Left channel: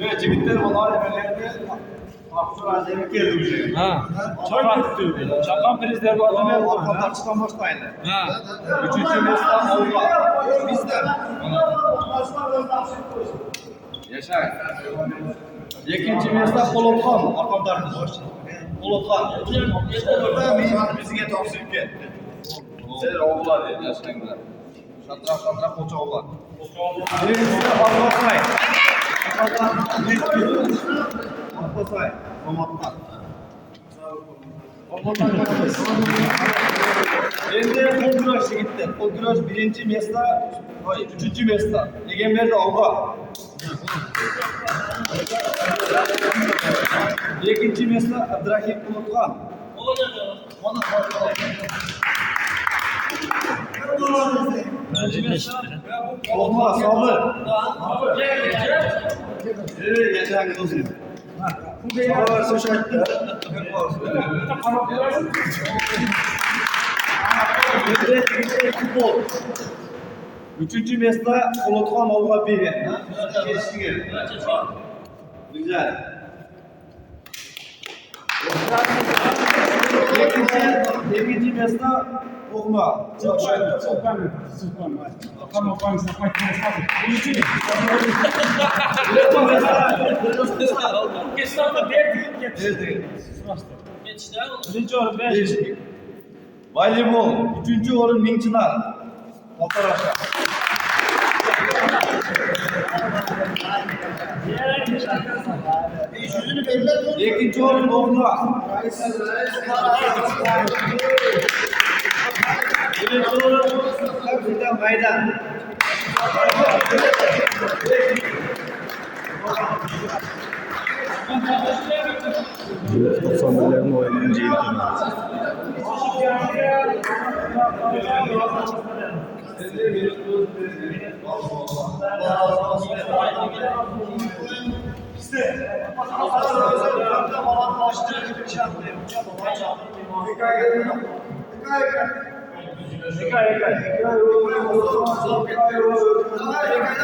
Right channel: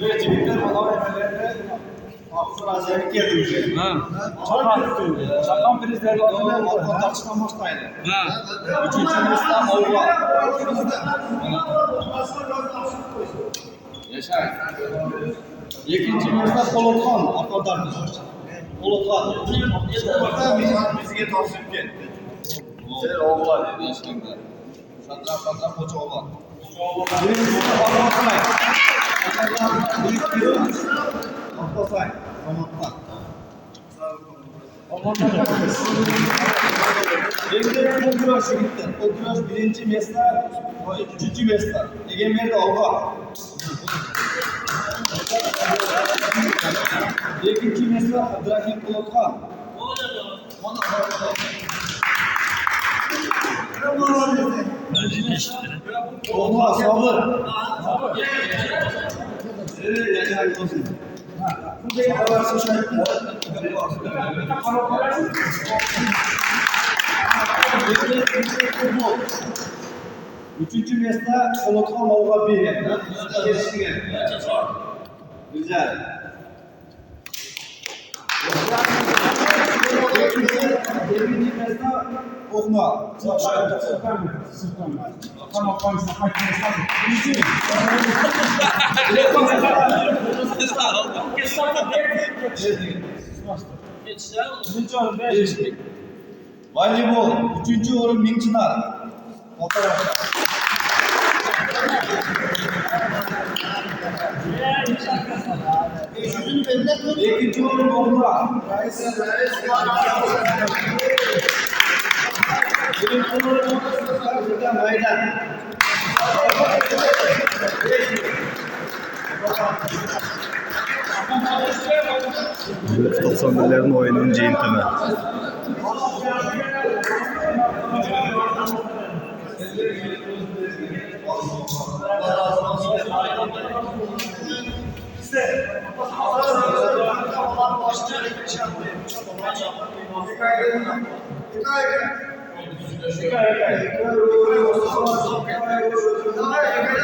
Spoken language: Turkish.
Evet, çekikler olan emellerinde Hafızlar Azami geldi уже. Çakan prizler var. Orkon tartıştan başlaydı. Üçüncü mesle Avga. Bizde. Yaşar. İkinci mesle Polotkan. Orkon tartıştan. Polotkan. Orada bizge tavsiye etti. Sizler oğullar dedi yaşayınlar. Şatraf koça oğullar. Birincisi Akbasay. Akbasay. Romattan. Endi Koduraş gitti. Koduraş birinci mesla, üçüncü mesla. Egemer'de Avga. İkinci mesla Abdurrahim Bulutkan. Olma, sabır. Evet, yaşayın olsun. Sabır, sıçrattı. Futbol. Üçüncü mesle Polotkan Avga biri. Geçti geldi. Güzel. İkinci mesle Okma. Voleybol. Üçüncü orun Mingçınar. Fotoğrafta. İkinci orun Okma. Birinci orun Kapıdan Maydan. 91'lerin oyunun jeyintimi. Hikaye.